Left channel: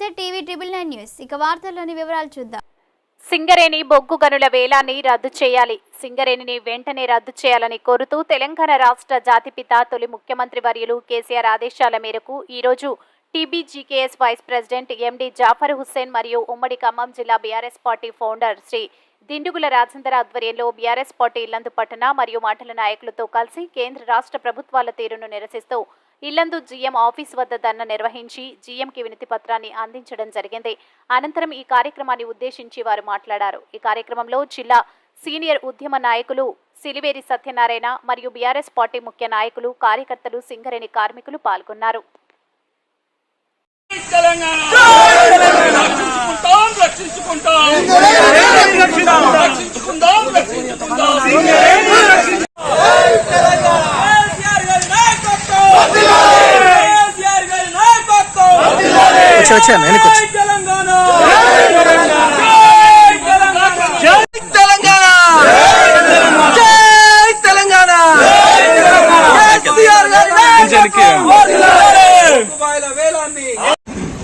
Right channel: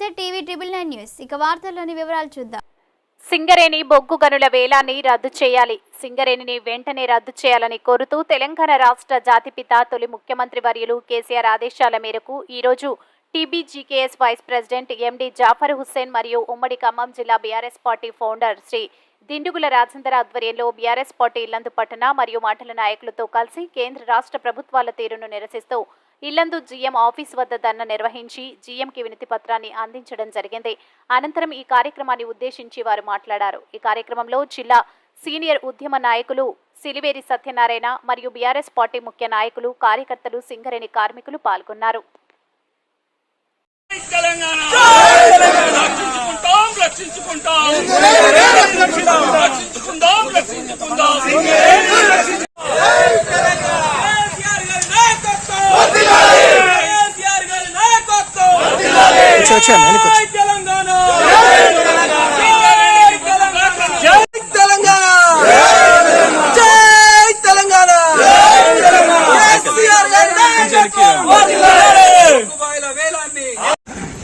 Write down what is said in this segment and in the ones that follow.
నమస్తే TV 999 news ఇక వార్తల్లోని వివరాలు చూద్దాం. సింగరేణి బొగ్గు గనుల వేలాన్ని రద్దు చేయాలి. సింగరేణిని వెంటనే రద్దు చేయాలని కోరుతూ తెలంగాణ రాష్ట్ర జాతిపిత తొలి ముఖ్యమంత్రి వర్యులు కేసీఆర్ ఆదేశాల మేరకు ఈరోజు టీబీజీకేఎస్ వైస్ ప్రెసిడెంట్ ఎండి జాఫర్ హుస్సేన్ మరియు ఉమ్మడి ఖమ్మం జిల్లా బీఆర్ఎస్ పార్టీ ఫౌండర్ శ్రీ దిండుగుల రాజేందర్ ఆధ్వర్యంలో బీఆర్ఎస్ పార్టీ ఇల్లందు పట్టణ మరియు మండల నాయకులతో కలిసి కేంద్ర రాష్ట్ర ప్రభుత్వాల తీరును నిరసిస్తూ ఇల్లందు జీఎం ఆఫీస్ వద్ద ధర్నా నిర్వహించి జీఎంకి వినతి పత్రాన్ని అందించడం జరిగింది. అనంతరం ఈ కార్యక్రమాన్ని ఉద్దేశించి వారు మాట్లాడారు. ఈ కార్యక్రమంలో జిల్లా సీనియర్ ఉద్యమ నాయకులు సిలివేరి సత్యనారాయణ మరియు బీఆర్ఎస్ పార్టీ ముఖ్య నాయకులు కార్యకర్తలు సింగరేణి కార్మికులు పాల్గొన్నారు.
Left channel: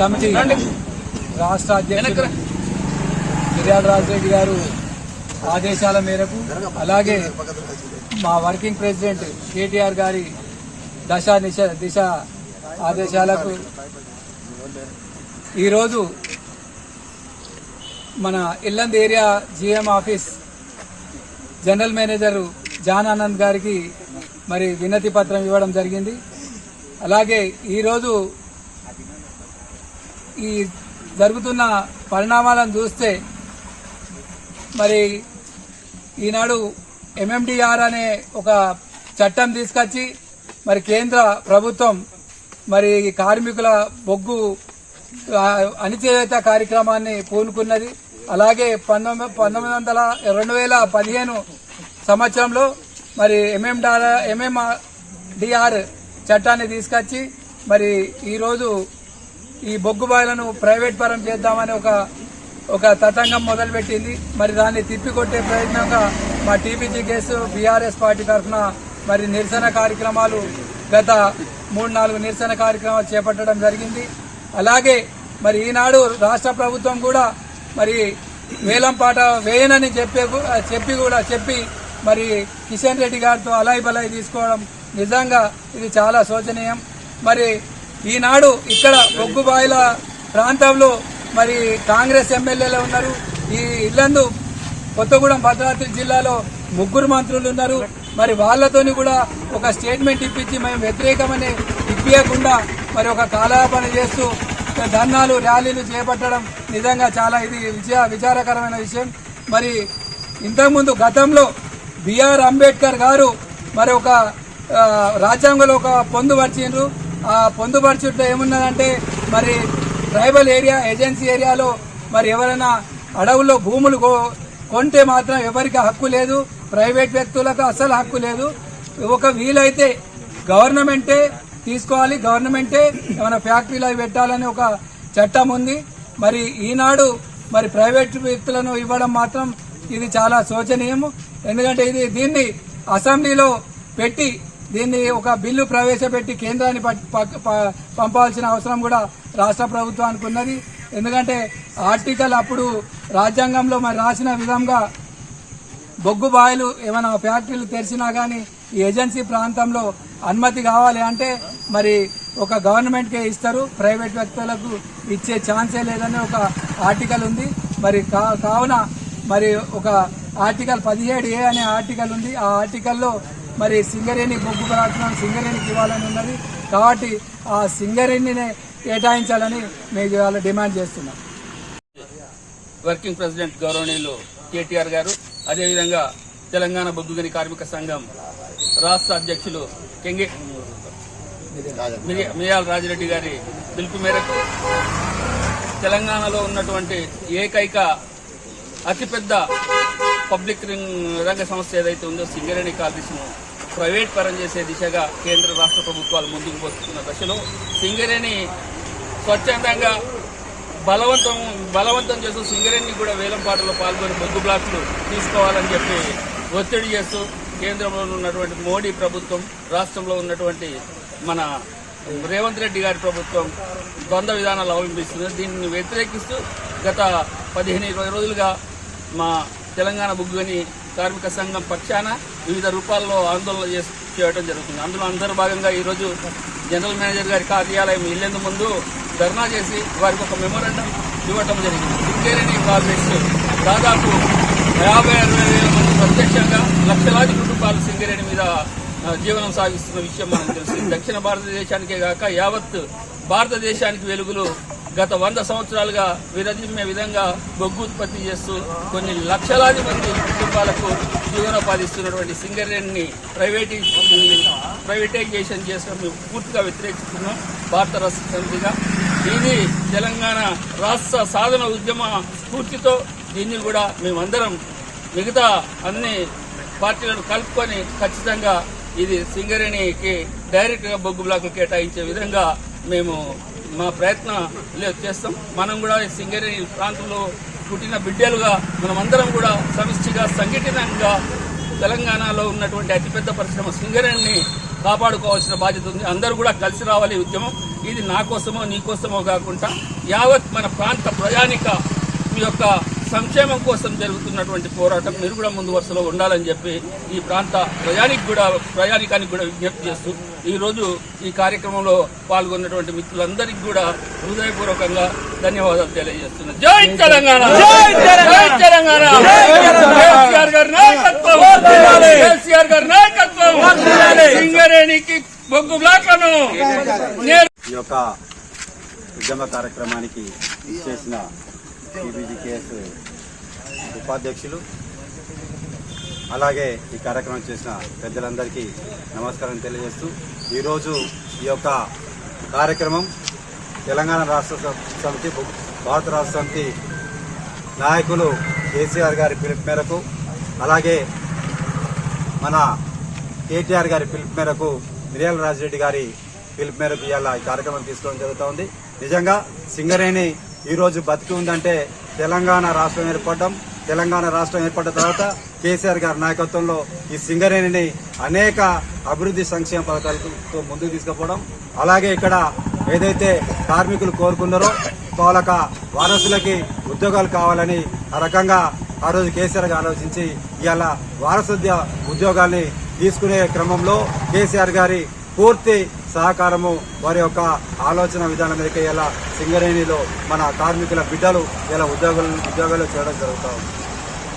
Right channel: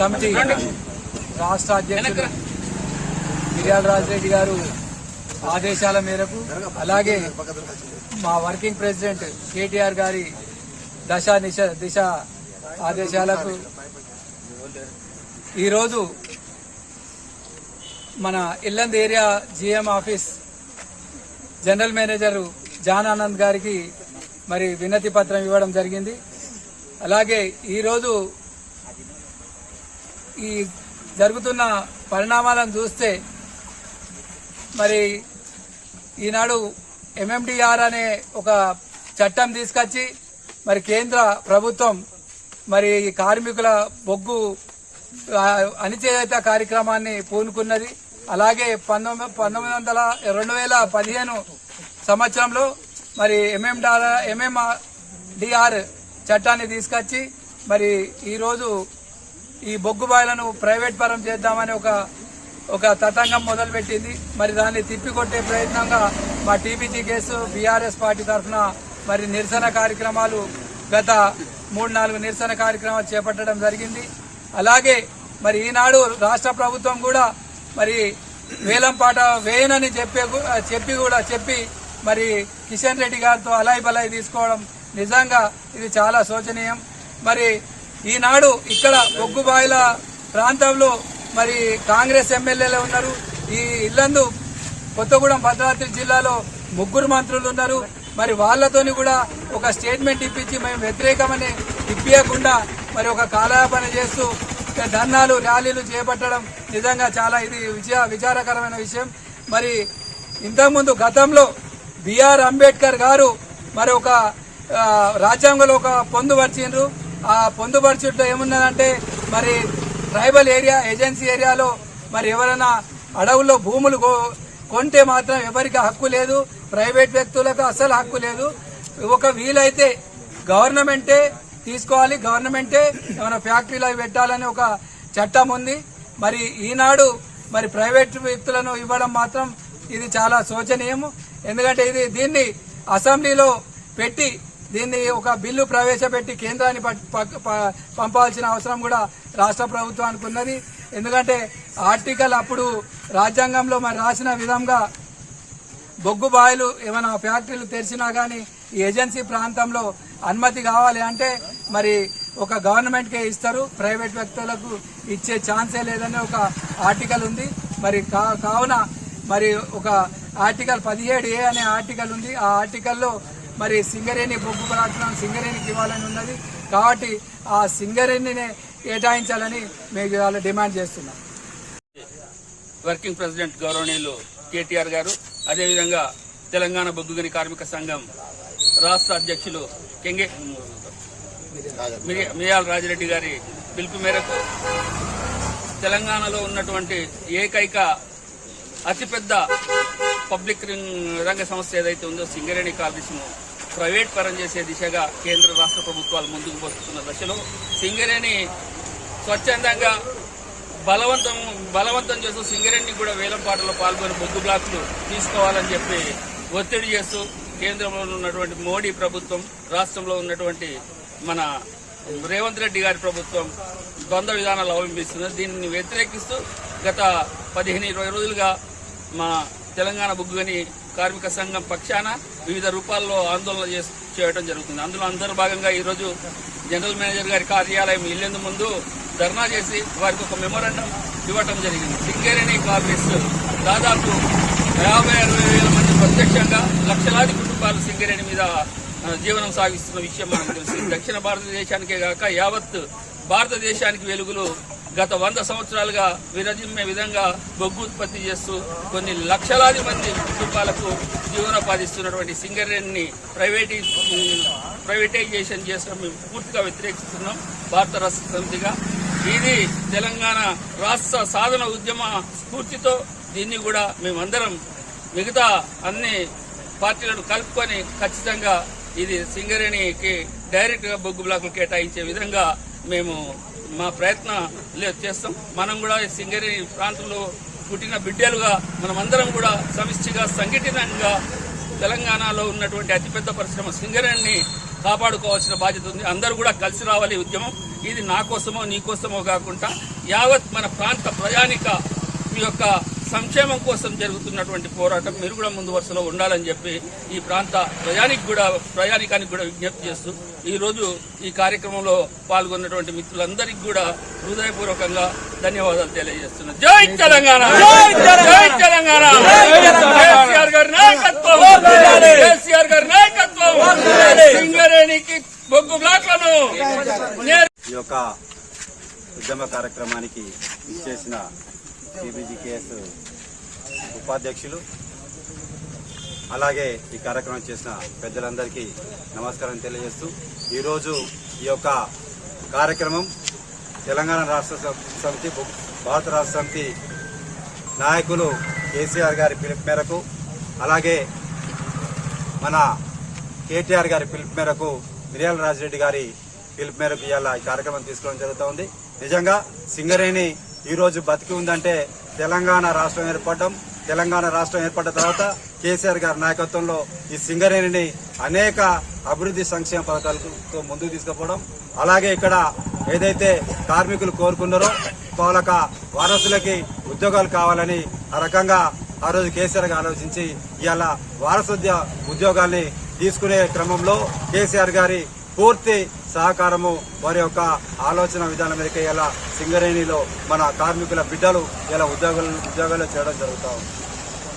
కమిటీ రాష్ట్ర అధ్యక్షుడు మిర్యాల రాజరెడ్డి గారు ఆదేశాల మేరకు అలాగే మా వర్కింగ్ ప్రెసిడెంట్ కేటీఆర్ గారి దిశ ఆదేశాలకు ఈరోజు మన Yellandu area GM office general manager John Anand గారికి మరి వినతి పత్రం ఇవ్వడం జరిగింది. అలాగే ఈరోజు ఈ జరుగుతున్న పరిణామాలను చూస్తే మరి ఈనాడు ఎంఎండిఆర్ అనే ఒక చట్టం తీసుకొచ్చి మరి కేంద్ర ప్రభుత్వం మరి కార్మికుల బొగ్గు అణిచివేత కార్యక్రమాన్ని పూనుకున్నది. అలాగే 2015 సంవత్సరంలో మరి ఎంఎండిఆర్ చట్టాన్ని తీసుకొచ్చి మరి ఈరోజు ఈ బొగ్గు బాయిలను ప్రైవేట్ పరం చేద్దామని ఒక తతంగం మొదలుపెట్టింది. మరి దాన్ని తిప్పికొట్టే ప్రయత్నంగా మా టీబీజీకేఎస్ బీఆర్ఎస్ పార్టీ తరఫున మరి నిరసన కార్యక్రమాలు గత 3-4 నిరసన కార్యక్రమాలు చేపట్టడం జరిగింది. అలాగే మరి ఈనాడు రాష్ట్ర ప్రభుత్వం కూడా మరి వేలం పాట వేయనని చెప్పి మరి కిషన్ రెడ్డి గారితో అలాయి బలాయి తీసుకోవడం నిజంగా ఇది చాలా శోచనీయం. మరి ఈనాడు ఇక్కడ బొగ్గుబాయిల ప్రాంతంలో మరి కాంగ్రెస్ ఎమ్మెల్యేలే ఉన్నారు. ఈ ఇల్లందు కొత్తగూడెం భద్రాద్రి జిల్లాలో 3 మంత్రులు ఉన్నారు. మరి వాళ్లతోని కూడా ఒక స్టేట్మెంట్ ఇప్పించి మేము వ్యతిరేకమని ఇప్పియకుండా మరి ఒక కాలయాపన చేస్తూ ధర్నాలు ర్యాలీలు చేపట్టడం నిజంగా చాలా ఇది విచారకరమైన విషయం. మరి ఇంతకుముందు గతంలో బిఆర్ అంబేద్కర్ గారు మరి ఒక రాజ్యాంగంలో ఒక పొందుపరిచిండ్రు. ఆ పొందుపరచుట్లో ఏమున్నదంటే మరి ట్రైబల్ ఏరియా ఏజెన్సీ ఏరియాలో మరి ఎవరైనా అడవుల్లో భూములు కొంటే మాత్రం ఎవరికి హక్కు లేదు, ప్రైవేట్ వ్యక్తులకు అసలు హక్కు లేదు. ఒక వీలైతే గవర్నమెంటే తీసుకోవాలి, గవర్నమెంటే ఏమైనా ఫ్యాక్టరీలు అవి పెట్టాలని ఒక చట్టం ఉంది. మరి ఈనాడు మరి ప్రైవేట్ వ్యక్తులను ఇవ్వడం మాత్రం ఇది చాలా శోచనీయము. ఎందుకంటే దీన్ని అసెంబ్లీలో పెట్టి దీన్ని ఒక బిల్లు ప్రవేశపెట్టి కేంద్రాన్ని పంపాల్సిన అవసరం కూడా రాష్ట్ర ప్రభుత్వానికి ఉన్నది. ఎందుకంటే ఆర్టికల్ అప్పుడు రాజ్యాంగంలో మరి రాసిన విధంగా బొగ్గు బాయిలు ఏమైనా ఫ్యాక్టరీలు తెరిచినా గానీ ఈ ఏజెన్సీ ప్రాంతంలో అనుమతి కావాలి అంటే మరి ఒక గవర్నమెంట్కే ఇస్తారు, ప్రైవేట్ వ్యక్తులకు ఇచ్చే ఛాన్సే లేదని ఒక ఆర్టికల్ ఉంది. మరి కావున మరి ఒక ఆర్టికల్ 17A అనే ఆర్టికల్ ఉంది. ఆ ఆర్టికల్లో మరి సింగరేణి బొగ్గు పదార్థం సింగరేణికి ఇవ్వాలని ఉన్నది. కాబట్టి ఆ సింగరేణినే కేటాయించాలని మేము ఇవాళ డిమాండ్ చేస్తున్నాం. వర్కింగ్ ప్రెసిడెంట్ గౌరవనీయులు కేటీఆర్ గారు, అదేవిధంగా తెలంగాణ బొగ్గుగని కార్మిక సంఘం రాష్ట్ర అధ్యక్షులు మిర్యాల రాజరెడ్డి గారి పిలుపు మేరకు తెలంగాణలో ఉన్నటువంటి ఏకైక అతిపెద్ద పబ్లిక్ రంగ సంస్థ ఏదైతే ఉందో సింగరేణి కార్మికులను ప్రైవేట్ పరం చేసే దిశగా కేంద్ర రాష్ట్ర ప్రభుత్వాలు ముందుకు పోతున్న దశలో సింగరేణి స్వచ్ఛందంగా బలవంతం చేస్తూ సింగరేణిని కూడా వేలంపాటలో పాల్గొని బొగ్గు బ్లాక్లు తీసుకోవాలని చెప్పి ఒత్తిడి చేస్తూ కేంద్రంలో ఉన్నటువంటి మోడీ ప్రభుత్వం, రాష్ట్రంలో ఉన్నటువంటి మన రేవంత్ రెడ్డి గారి ప్రభుత్వం ద్వంద్వ విధానాలు అవలంబిస్తున్నది. దీన్ని వ్యతిరేకిస్తూ గత 15-20 రోజులుగా మా తెలంగాణ బొగ్గుగని కార్మిక సంఘం పక్షాన వివిధ రూపాల్లో ఆందోళన చేయడం జరుగుతుంది. అందులో అందరూ భాగంగా ఈరోజు జనరల్ మేనేజర్ గారి కార్యాలయం వెళ్లేందుకు ముందు ధర్నా చేసి వారికి ఒక మెమోరాండం ఇవ్వటం జరిగింది. సింగరేణి ప్రాజెక్టు దాదాపు 50-60 వేల మంది ప్రత్యక్షంగా లక్షలాది కుటుంబాలు సింగరేణి మీద జీవనం సాగిస్తున్న విషయం మనకు తెలుసు. దక్షిణ భారతదేశానికే కాక యావత్ భారతదేశానికి వెలుగులు గత 100 సంవత్సరాలుగా విరజిమ్మే విధంగా బొగ్గు ఉత్పత్తి చేస్తూ కొన్ని లక్షలాది మంది కుటుంబాలకు జీవనోపాధిస్తున్నటువంటి సింగరేణిని ప్రైవేటైజేషన్ చేసిన మేము పూర్తిగా వ్యతిరేకిస్తున్నాం భారత రాష్ట్ర సమితిగా. ఇది తెలంగాణ రాష్ట్ర సాధన ఉద్యమ స్ఫూర్తితో దీన్ని కూడా మేమందరం మిగతా అన్ని పార్టీలను కలుపుకొని ఖచ్చితంగా ఇది సింగరేణికి డైరెక్ట్ గా బొగ్గు బ్లాకులు కేటాయించే విధంగా మేము మా ప్రయత్నం చేస్తాం. మనం కూడా సింగరేణి ప్రాంతంలో పుట్టిన బిడ్డలుగా మనమందరం కూడా సమిష్టిగా సంఘటితంగా తెలంగాణలో ఉన్నటువంటి అతిపెద్ద పరిశ్రమ సింగరేణిని కాపాడుకోవాల్సిన బాధ్యత ఉంది. అందరూ కూడా కలిసి రావాలి ఉద్యమం. ఇది నా కోసమో నీ కోసమో కాకుండా యావత్ మన ప్రాంత ప్రయాణిక యొక్క సంక్షేమం కోసం జరుగుతున్నటువంటి పోరాటం మీరు కూడా ముందు వరుసలో ఉండాలని చెప్పి ఈ ప్రాంత ప్రయాణికానికి కూడా విజ్ఞప్తి చేస్తూ ఈ రోజు ఈ కార్యక్రమంలో పాల్గొన్నటువంటి మిత్రులందరికీ కూడా హృదయపూర్వకంగా ధన్యవాదాలు తెలియజేస్తున్నాను. జై తెలంగాణ, జై తెలంగాణ. కేసీఆర్ గారి నాయకత్వం, కేసీఆర్ గారి నాయకత్వం. సింగరేణికి బొగ్గు బ్లాక్లను ఈ యొక్క ఉద్యమ కార్యక్రమానికి ఇచ్చేసిన టీబీజీకేఎస్ ఉపాధ్యక్షులు అలాగే ఈ కార్యక్రమం చేసిన పెద్దలందరికీ నమస్కారం తెలియజేస్తూ ఈరోజు ఈ యొక్క కార్యక్రమం తెలంగాణ రాష్ట్ర సమితి భారత రాష్ట్ర సమితి నాయకులు కేసీఆర్ గారి పిలుపు మేరకు అలాగే మన కేటీఆర్ గారి పిలుపు మేరకు మిర్యాల రాజిరెడ్డి గారి పిలుపు మేరకు ఇవాళ ఈ కార్యక్రమం తీసుకోవడం జరుగుతూ ఉంది. నిజంగా సింగరేణి ఈ రోజు బతికి ఉందంటే తెలంగాణ రాష్ట్రం ఏర్పడ్డ తర్వాత కేసీఆర్ గారి నాయకత్వంలో ఈ సింగరేణిని అనేక అభివృద్ధి సంక్షేమ పథకాలతో ముందుకు తీసుకుపోవడం, అలాగే ఇక్కడ ఏదైతే కార్మికులు కోరుకున్నారో వాళ్ళక వారసులకి ఉద్యోగాలు కావాలని ఆ రకంగా ఆ రోజు కేసీఆర్ గారు ఆలోచించి ఇవాళ వారసత్వ ఉద్యోగాల్ని తీసుకునే క్రమంలో కేసీఆర్ గారి పూర్తి సహకారము వారి యొక్క ఆలోచన విధానం మేరకు ఇలా సింగరేణిలో మన కార్మికుల బిడ్డలు ఇలా ఉద్యోగాలు చేయడం జరుగుతూ ఉంది.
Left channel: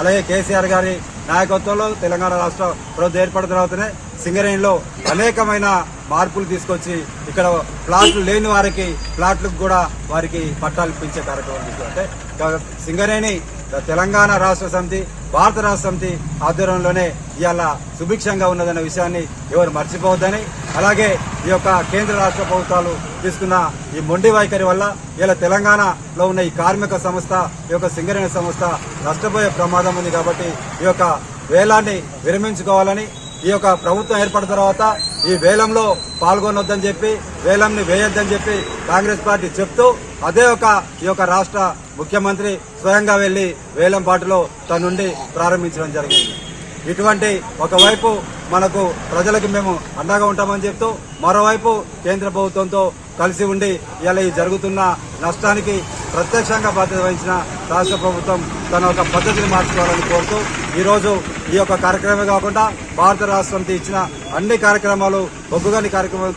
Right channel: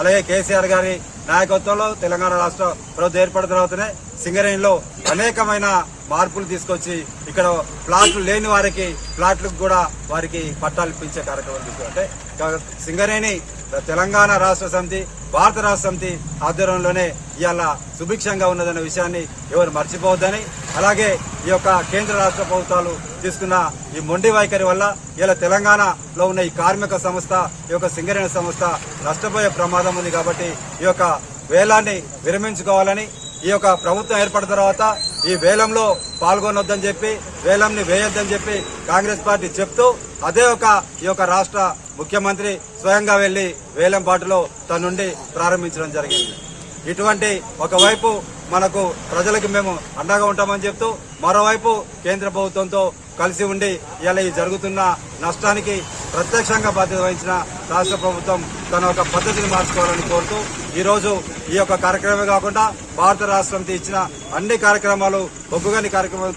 అలాగే కేసీఆర్ గారి నాయకత్వంలో తెలంగాణ రాష్ట్ర ప్రభుత్వం ఏర్పడిన తర్వాతనే సింగరేణిలో అనేకమైన మార్పులు తీసుకొచ్చి ఇక్కడ ప్లాట్లు లేని వారికి ప్లాట్లకు కూడా వారికి పట్టాలు ఇప్పించే కార్యక్రమం తీసుకుంటే సింగరేణి తెలంగాణ రాష్ట్ర సమితి భారత రాష్ట్ర సమితి ఆధ్వర్యంలోనే ఇవాళ సుభిక్షంగా ఉన్నదన్న విషయాన్ని ఎవరు మర్చిపోవద్దని, అలాగే ఈ యొక్క కేంద్ర రాష్ట్ర ప్రభుత్వాలు తీసుకున్న ఈ మొండి వైఖరి వల్ల ఇలా తెలంగాణలో ఉన్న ఈ కార్మిక సంస్థ ఈ యొక్క సింగరేణి సంస్థ నష్టపోయే ప్రమాదం ఉంది. కాబట్టి ఈ యొక్క వేలాన్ని విరమించుకోవాలని, ఈ యొక్క ప్రభుత్వం ఏర్పడిన తర్వాత ఈ వేలంలో పాల్గొనొద్దని చెప్పి వేలంని వేయొద్దని చెప్పి కాంగ్రెస్ పార్టీ చెప్తూ అదే ఈ యొక్క రాష్ట్ర ముఖ్యమంత్రి స్వయంగా వెళ్లి వేలం పాటులో తన నుండి ప్రారంభించడం జరిగింది. ఇటువంటి ఒకవైపు మనకు ప్రజలకు మేము అండగా ఉంటామని చెప్తూ మరోవైపు కేంద్ర ప్రభుత్వంతో కలిసి ఉండి ఇలా ఈ జరుగుతున్న నష్టానికి ప్రత్యక్షంగా బాధ్యత వహించిన రాష్ట్ర ప్రభుత్వం తన ఒక పద్ధతిని మార్చుకోవాలని కోరుతూ ఈ రోజు ఈ యొక్క కార్యక్రమమే కాకుండా భారత రాష్ట్ర సమితి ఇచ్చిన అన్ని కార్యక్రమాలు బొగ్గుగని కార్యక్రమం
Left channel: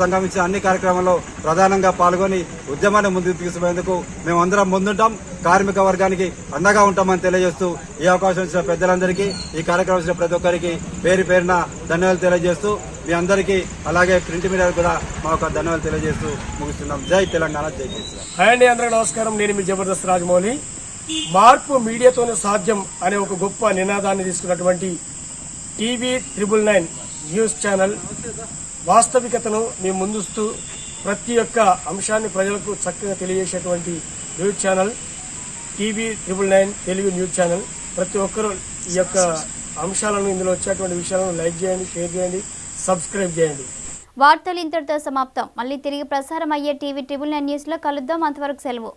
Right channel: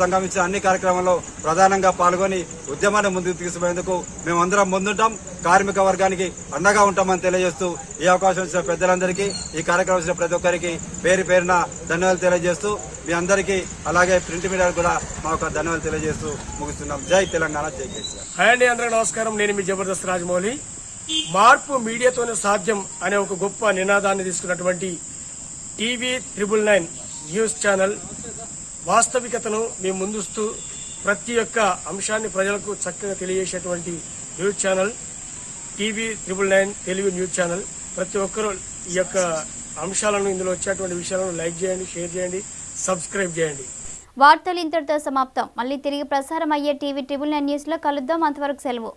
సంఘం ఇచ్చిన అన్ని కార్యక్రమాల్లో ప్రధానంగా పాల్గొని ఉద్యమాన్ని ముందుకు తీసుకుపోయేందుకు మేమందరం ముందుంటాం, కార్మిక వర్గానికి అండగా ఉంటామని తెలియజేస్తూ ఈ అవకాశం ఇచ్చిన పెద్దలందరికీ ఈ కార్యక్రమం ఇచ్చిన ప్రతి ఒక్కరికి పేరు పేరున ధన్యవాదాలు తెలియజేస్తూ మీ అందరికీ అలాగే ప్రింట్ మీడియా కూడా మా యొక్క ధన్యవాదాలు తెలియజేస్తూ ముగిస్తున్నాం. జై తెలంగాణ, జై కేసీఆర్. హాయ్ అండి, అందరికీ నమస్కారం. నేను మీ జబర్దస్త్ రాజమౌళి. మార్పు మీడియాతోనే సాధ్యం అనే ఒక గొప్ప నినాదాన్ని తీసుకున్నటువంటి TV999 న్యూస్ ఛానల్ వాస్తవికతను మీ ముందుస్తూ ప్రతి ఒక్క అంశాన్ని ప్రజలకు చక్కగా తెలియజేసేటువంటి news channel TV999 Telugu news channel. ప్రతి ఒక్కరూ ఈ యొక్క అంశాలను, ఇందులో వచ్చేటువంటి విషయాలను లైక్ చేయండి, షేర్ చేయండి, సబ్స్క్రైబ్ చేయండి. వార్తలు ఇంతటితో సమాప్తం. మళ్ళీ తిరిగి ప్రసారం అయ్యే TV999 న్యూస్ లో కలుద్దాం. అంతవరకు సెలవు.